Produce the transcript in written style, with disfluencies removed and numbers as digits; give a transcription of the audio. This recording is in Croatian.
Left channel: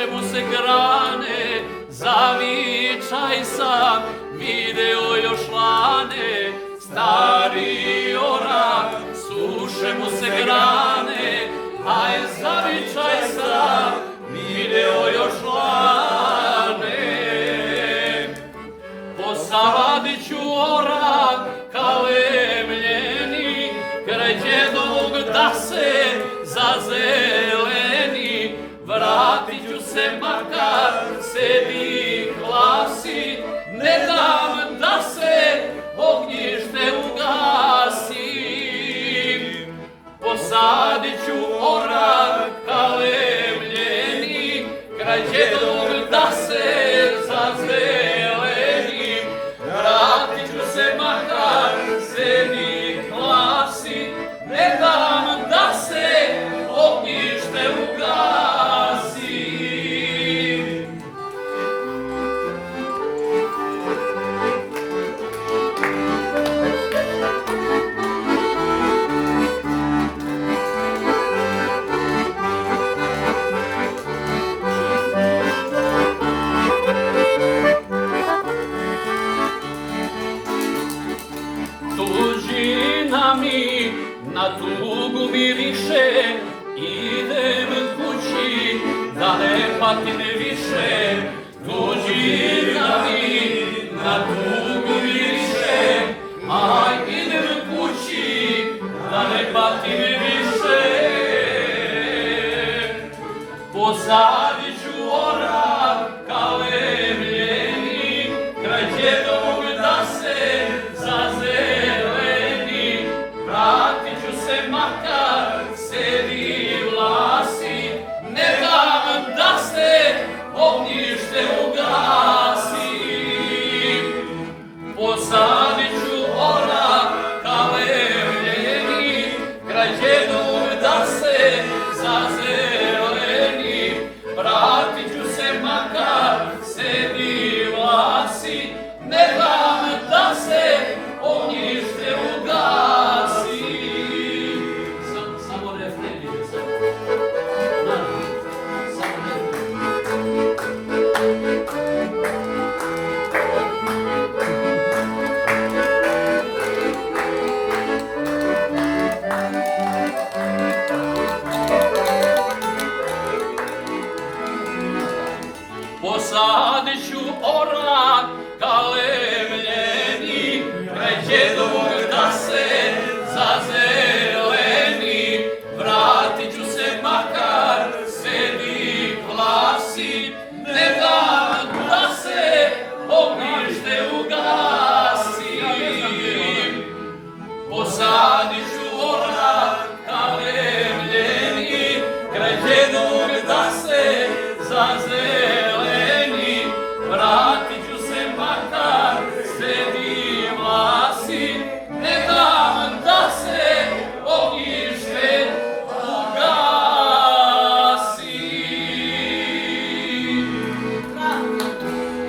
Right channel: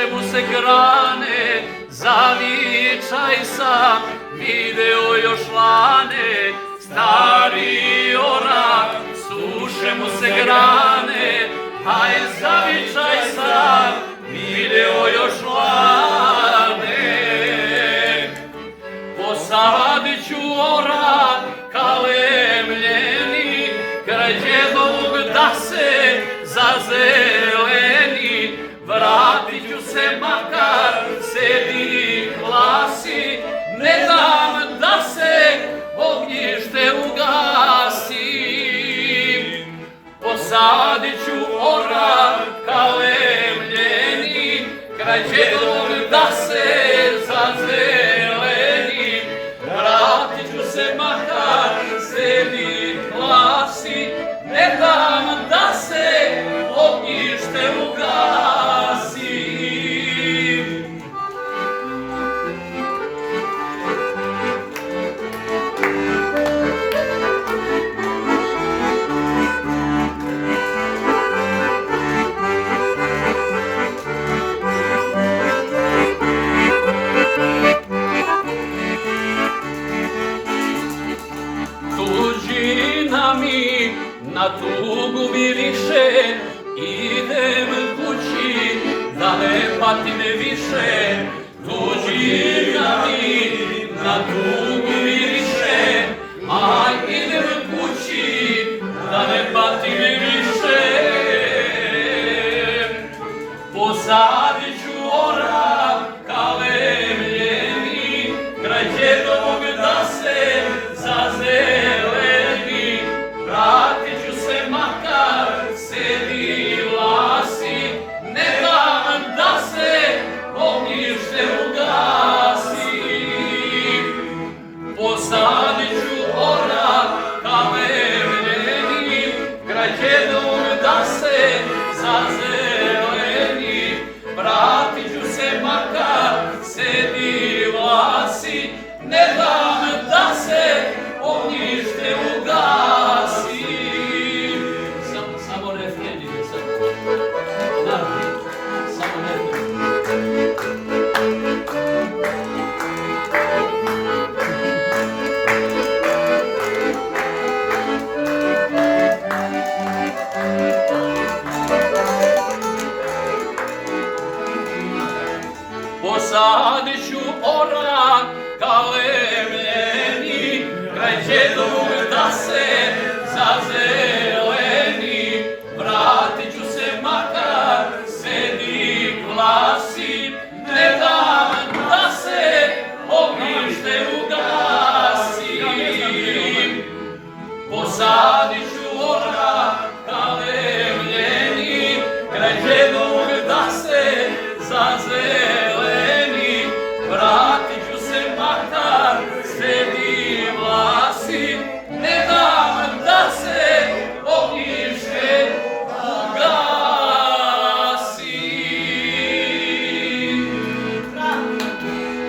suše mu se grane, zavičaj sam, video još lane, stari orak, suše mu se grane, aj zavičaj sam, video još lane. Posadit ću orak kalemljeni, kraj djedovog da se zazeleni, vratit ću se makar sedi glasi, ne dam da se ognjište ugasi. Posadit ću orak kalemljeni, kraj djedovog da se zazeleni, vratit ću se makar sedi glasi, ne dam da se ognjište ugasi. Tuđina mi na tugu miriše, idem kući da ne patim više. Tuđina mi na tugu miriše, a idem kući da ne patim više. Posadit ću orak kalemljeni, kraj djedovog da se zazeleni, vratit ću se makar sedi glasi, ne dam da se ognjište ugasi. Posadit ću orak kalemljeni, kraj djedovog da se zazeleni, vratit ću se makar sedi glasi, ne dam da se ognjište ugasi. Samo refren je sad. Samo refren. Posadit ću orak kalemljeni, kraj djedovog da se